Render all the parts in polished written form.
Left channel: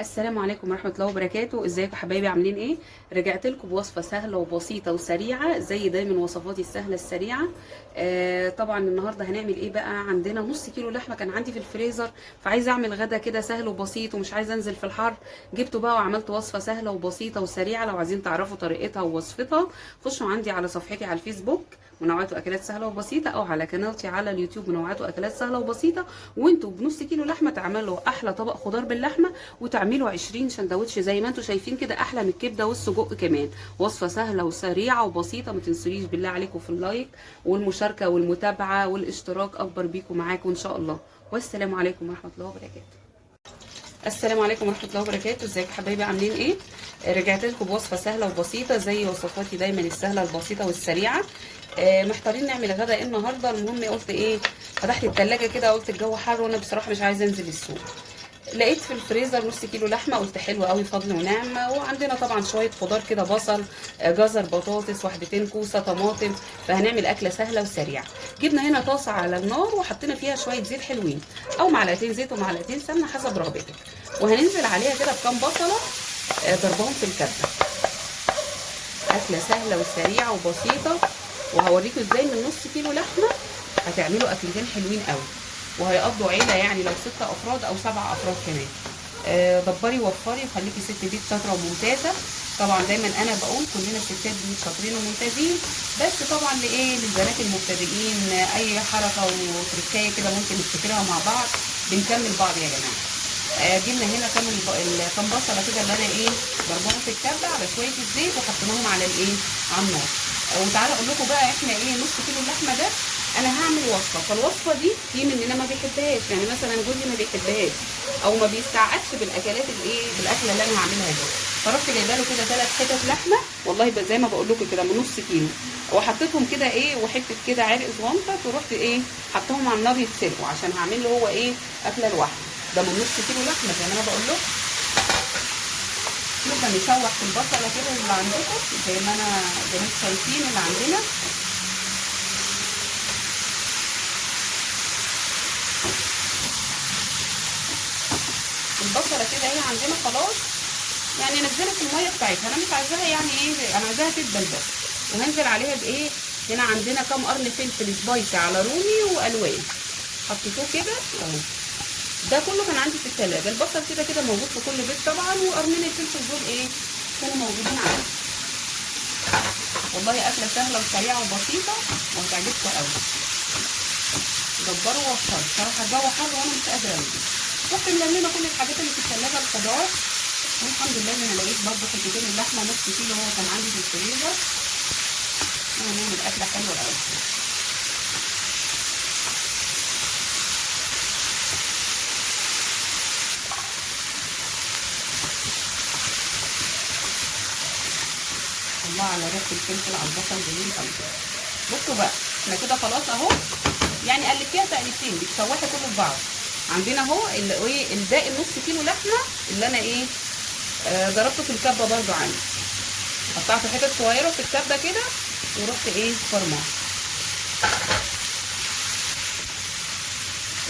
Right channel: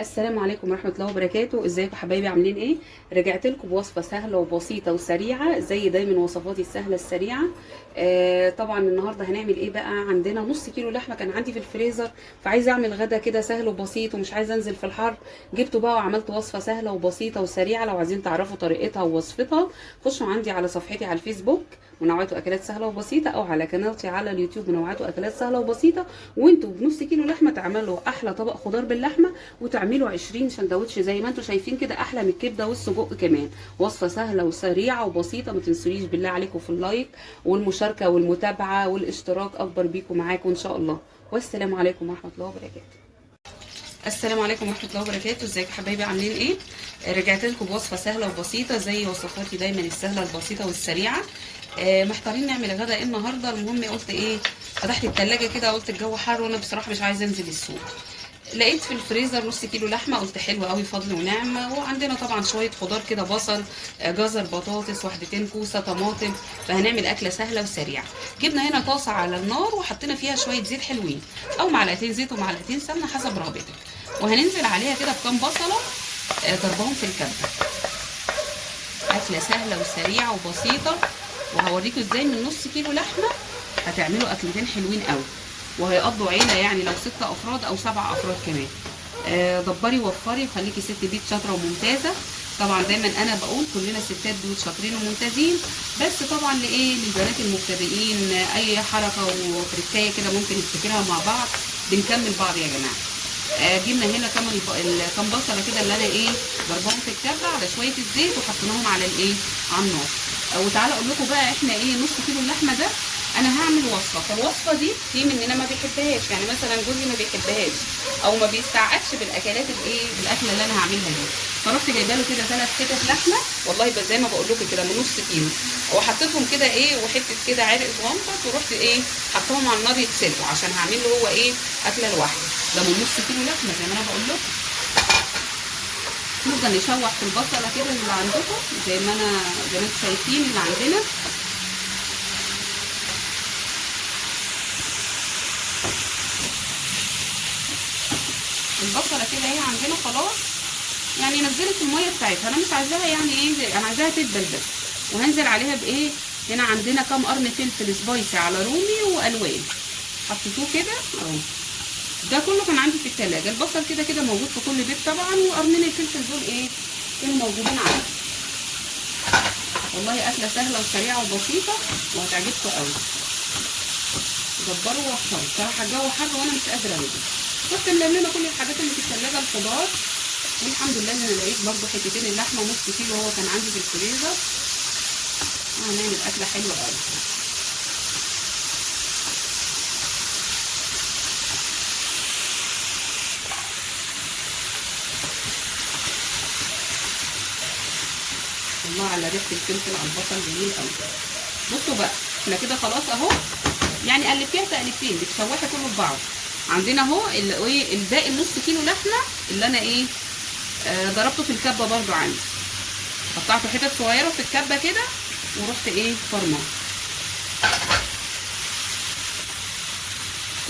السلام عليكم ورحمة الله وبركاته. ازيكم يا حبايبي، عاملين ايه؟ رجعت لكم بوصفة سهلة وبسيطة وسريعة زي دايما وصفاتي السهلة السريعة. طبعا النهاردة هنعمل ايه بقى؟ عندنا نص كيلو لحمة كان عندي في الفريزر، فعايزة اعمل غدا كده سهل وبسيط ومش عايزة انزل في الحر. جبته بقى وعملت وصفة سهلة وبسيطة وسريعة. لو عايزين تعرفوا طريقتها ووصفتها خشوا عندي على صفحتي على الفيسبوك منوعات واكلات سهلة وبسيطة، او على قناتي على اليوتيوب منوعات واكلات سهلة وبسيطة. وانتوا بنص كيلو لحمة تعملوا احلى طبق خضار باللحمة، وتعملوا 20 سندوتش زي ما انتم شايفين كده، احلى من الكبده والسجق كمان. وصفه سهله وسريعه وبسيطه. ما تنسونيش بالله عليكم في اللايك والمشاركه والمتابعه والاشتراك، اكبر بيكم معاكم ان شاء الله. والسلام عليكم ورحمه الله وبركاته. السلام عليكم ورحمه الله وبركاته. ازيكم حبايبي، عاملين ايه؟ رجعت لكم بوصفه سهله وبسيطه زي وصفاتي دايما السهله البسيطه والسريعه. محتارين نعمل غدا ايه النهارده. المهم قلت ايه، فتحت التلاجة كده، قلت الجو حر وانا بصراحه مش عايزه انزل السوق. لقيت في الفريزر نص كيلو لحمه، قلت حلوه قوي فضل ونعمه. وعندنا طبعا شويه خضار كده، بصل، جزر، بطاطس، وحدتين كوسه، طماطم. فهنعمل اكله سهله وسريعه. جبنا هنا طاسه على النار وحطينا فيها شويه زيت حلوين، او معلقتين زيت ومعلقتين سمنه حسب رغبتك. وهننزل عليها كده بكام بصله ضربهم في الكبه. اكله سهله وسريعه وبسيطه، وهوريكم ازاي من نص كيلو لحمه هتعملوا اكلتين حلوين قوي، وهيقضوا عيله يعني لو 6 افراد او 7 افراد كمان. دبري وفري وخليكي ست بيت شاطره وممتازه. طبعا دايما انا بقول كلنا ستات بيوت شاطرين وممتازين، بس طبعا لايه، للبنات المبتدئين اي حركه وتركايه كده ممكن نفتكرها مع بعض، بنكمل بعض يا جماعه. جبنا هنا كام بصله كده اللي انا ايه ضربهم في الكبه على شويه الزيت وحطيناهم على الايه، على النار. وتعالى اقول لكم بقى احنا ايه، نص كيلو اللحمه ده انا هعمل وصفه. فالوصفه دي في مننا ما بيحبهاش، يعني مثلا جوزي ما بيحبهاش او ما بيستعدش بالاكلات الايه، بالاكله اللي انا هعملها دي. فرحت جايبه له كده 3 حتت لحمه، والله زي ما بقول لكم كده من نص كيلو، وحطيتهم كده ايه، وحته كده عرق صغنطط، ورحت ايه حطهم على النار يتسلقوا عشان هعمل له هو ايه، اكله لوحده. ده من نص كيلو لحمه زي ما انا بقول لكم. نفضل نشوح في البصله كده اللي عندكم زي ما انتم شايفين اللي عندنا. البصله كده ايه عندنا خلاص، يعني نزلت الميه بتاعتها. انا مش عايزاها يعني ايه، انا عايزاها تدبل بس. وهنزل عليها بايه، هنا عندنا كام قرن فلفل سبايسي على رومي والوان، حطيتوه كده اهو. ده كله كان عندي في التلاجة. البصل كده كده موجود في كل بيت طبعا، وقرنين الفلفل دول ايه كانوا موجودين عندي. والله اكله سهله وسريعه وبسيطه وهتعجبكم قوي. دبروا ووفروا، بصراحه الجو حر وانا مش قادره انزل. رحت ملممه كل الحاجات اللي في التلاجة، الخضار. والحمد لله ان لقيت برضو حتتين اللحمه نص كيلو هو كان عندي في الفريزر. وهنعمل اكله حلوه قوي. الله على ريحه الفلفل على البصل، جميل قوي. بصوا بقى، احنا كده خلاص اهو، يعني قلبتيها تقلبتين بتشوحي كله في بعض. عندنا اهو ايه الباقي النص كيلو لحمه اللي انا ايه ضربته في الكبه برضو عندي. قطعته حتت صغيره في الكبه كده، ورحت ايه فرماه.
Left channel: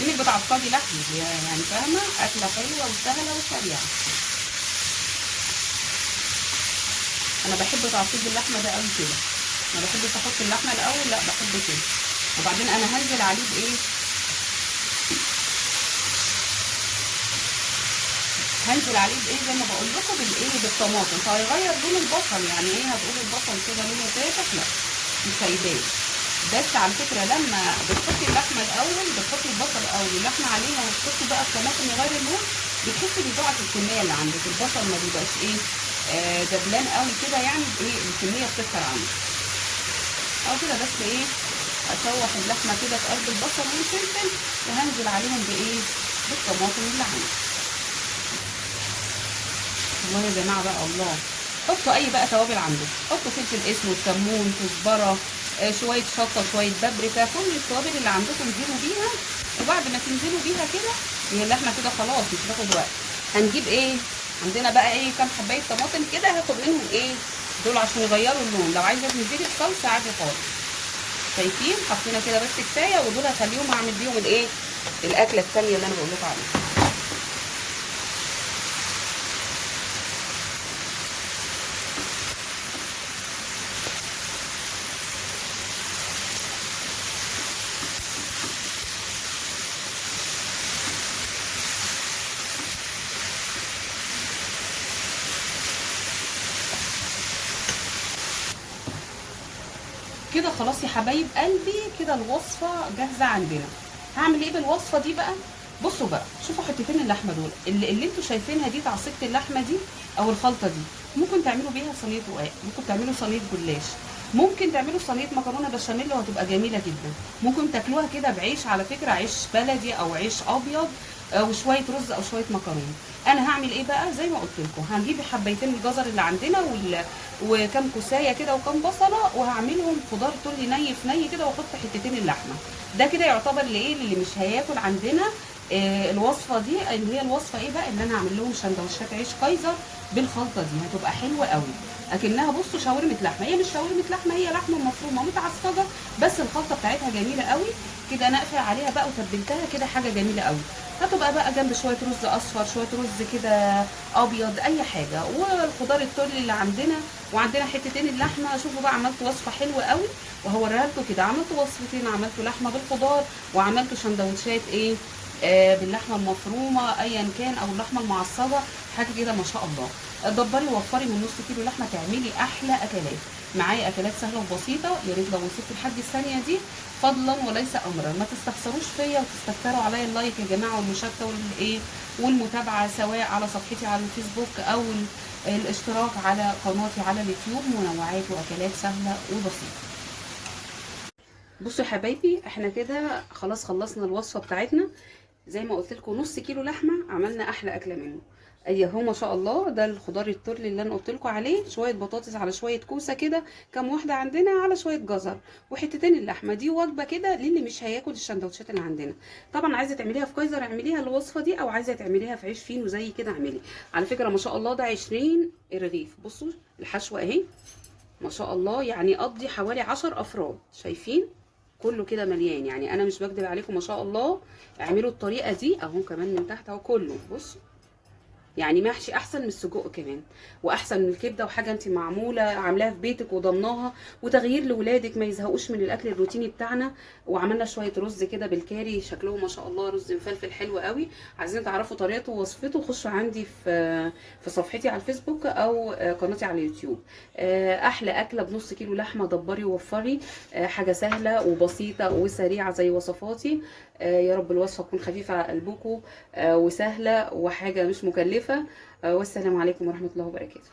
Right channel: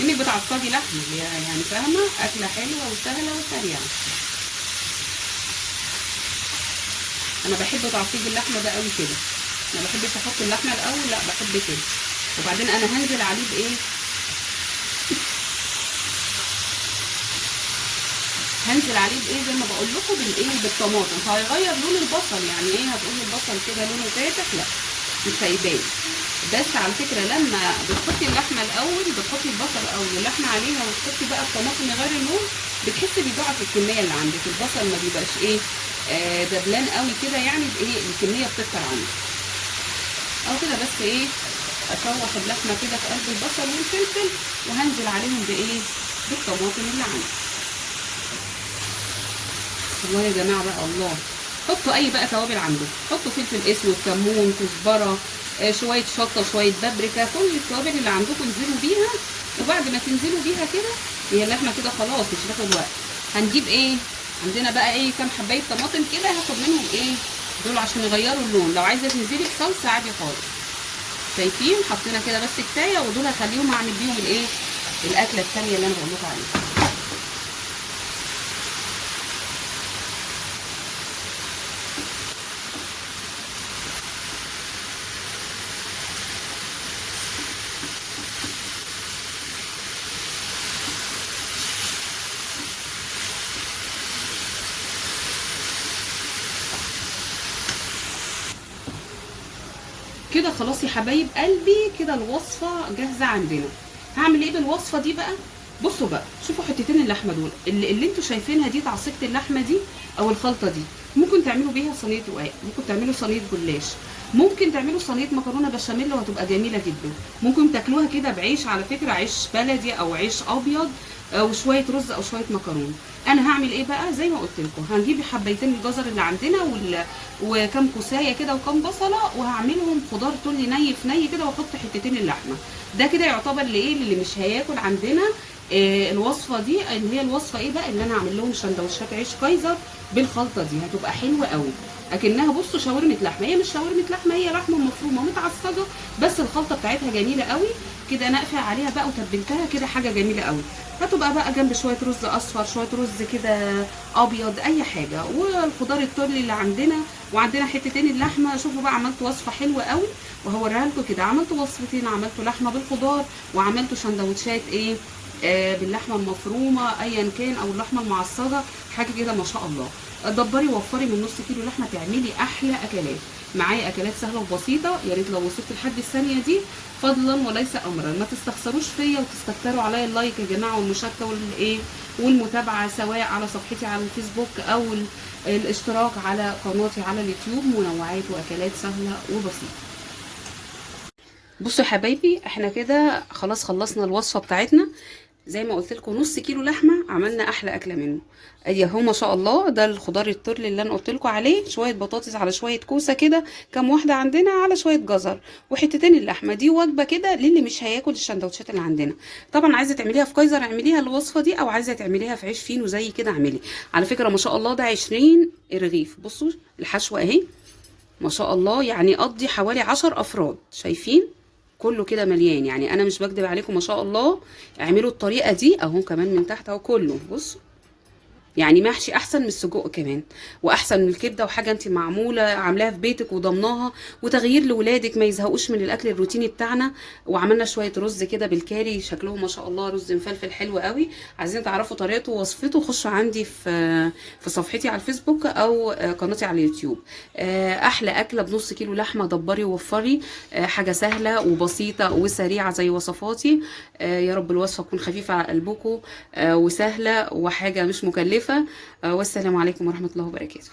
انك بتعصجي لحمه يعني فاهمه، اكله حلوه وسهله وسريعه. انا بحب تعصيج اللحمه ده قوي كده، ما بحبش احط اللحمه الاول، لا بحب كده. وبعدين انا هنزل عليه بايه، هنزل عليه بايه زي ما بقول لكم، بالايه، بالطماطم. فهيغير لون البصل، يعني ايه هتقولي البصل كده لونه فاتح، لا مش هيبان. بس على فكره لما بتحطي اللحمه الاول، بتحطي البصل الاول واللحمه عليها، وتحطي بقى الطماطم يغير اللون، بتحسي بيضاعف الكميه اللي عندك. البصل ما بيبقاش ايه دبلان قوي كده، يعني بايه الكميه بتكتر عندك. او كده بس ايه، اشوح اللحمه كده في قلب البصل والفلفل، وهنزل عليهم بايه، بالطماطم اللي عندي. الله يا جماعه بقى، الله. حطوا اي بقى توابل عندكم، حطوا فلفل اسود، كمون، كزبره، شويه شطه، شويه بابريكا، كل التوابل اللي عندكم انزلوا بيها. وبعد ما تنزلوا بيها كده، هي اللحمه كده خلاص مش هتاخد وقت. هنجيب ايه، عندنا بقى ايه كام حبايه طماطم كده، هاخد منهم ايه دول عشان يغيروا اللون. لو عايزه تنزلي بصلصه عادي خالص. شايفين حطينا كده بس كفايه، ودول هخليهم اعمل بيهم الايه، الاكله الثانيه اللي انا بقول لكم عليها. كده خلاص يا حبايب قلبي، كده الوصفه جاهزه عندنا. هعمل ايه بالوصفه دي بقى؟ بصوا بقى، شوفوا حتتين اللحمه دول اللي انتوا شايفينها دي، تعصيبه اللحمه دي او الخلطه دي، ممكن تعملوا بيها صينيه رقاق، ممكن تعملوا صينيه جلاش، ممكن تعملوا صينيه مكرونه بشاميل وهتبقى جميله جدا. ممكن تاكلوها كده بعيش، على فكره عيش بلدي او عيش ابيض، وشويه رز او شويه مكرونه. انا هعمل ايه بقى؟ زي ما قلت لكم، هنجيب حبيتين الجزر اللي عندنا وكم كوسايه كده وكم بصله، وهعملهم خضار تولي ني في ني كده، واحط حتتين اللحمه. ده كده يعتبر لايه؟ اللي مش هياكل عندنا الوصفه دي، اللي هي الوصفه ايه بقى؟ اللي انا هعمل لهم سندوتشات عيش كايزر بالخلطه دي، هتبقى حلوه قوي. اكنها بصوا شاورمه لحمه، هي مش شاورمه لحمه، هي لحمه مفرومه متعصجه، بس الخلطه بتاعتها جميله قوي كده. انا اقفل عليها بقى وتبلتها كده، حاجه جميله قوي. هتبقى بقى جنب شويه رز اصفر، شويه رز كده ابيض، اي حاجه، والخضار التورلي اللي عندنا، وعندنا حتتين اللحمه. شوفوا بقى، عملت وصفه حلوه قوي وهوريها لكم كده. عملت وصفتين، عملت لحمه بالخضار، وعملت سندوتشات ايه باللحمه المفرومه ايا كان، او اللحمه المعصجه، حاجه كده ما شاء الله. دبري وفري من نص كيلو لحمه تعملي احلى اكلات. معايا اكلات سهله وبسيطه، يا ريت لو وصلت لحد الثانيه دي فضلا وليس امرا ما تستخسروش فيا وتستكتروا عليا اللايك يا جماعه، والمشاركه والايه والمتابعه، سواء على صفحتي على الفيسبوك او الاشتراك على قناتي على اليوتيوب، منوعات واكلات سهله وبسيطه. بصوا يا حبايبي، احنا كده خلاص خلصنا الوصفه بتاعتنا. زي ما قلت لكم نص كيلو لحمه عملنا احلى اكله منه. ادي اهو ما شاء الله، ده الخضار الترلي اللي انا قلت لكم عليه، شويه بطاطس على شويه كوسه كده، كام واحده عندنا، على شويه جزر وحتتين اللحمه. دي وجبه كده للي مش هياكل السندوتشات اللي عندنا. طبعا عايزه تعمليها في كايزر اعمليها الوصفه دي، او عايزه تعمليها في عيش فينو زي كده اعملي. على فكره ما شاء الله ده 20 رغيف. بصوا الحشوه اهي ما شاء الله، يعني قضي حوالي 10 افراد. شايفين كله كده مليان، يعني انا مش بكدب عليكم ما شاء الله. اعملوا الطريقه دي اهو، كمان من تحت اهو كله. بص يعني محشي احسن من السجق كمان، واحسن من الكبده، وحاجه انت معموله عاملاها في بيتك وضمناها، وتغيير لاولادك ما يزهقوش من الاكل الروتيني بتاعنا. وعملنا شويه رز كده بالكاري، شكلهم ما شاء الله رز مفلفل حلو قوي. عايزين تعرفوا طريقته ووصفته، خشوا عندي في صفحتي على الفيسبوك او قناتي على اليوتيوب. احلى اكله بنص كيلو لحمه، دبري ووفري. حاجه سهله وبسيطه وسريعه زي وصفاتي. يا رب الوصفه تكون خفيفه على قلبكم وسهله وحاجه مش مكلفه. والسلام عليكم ورحمه الله وبركاته.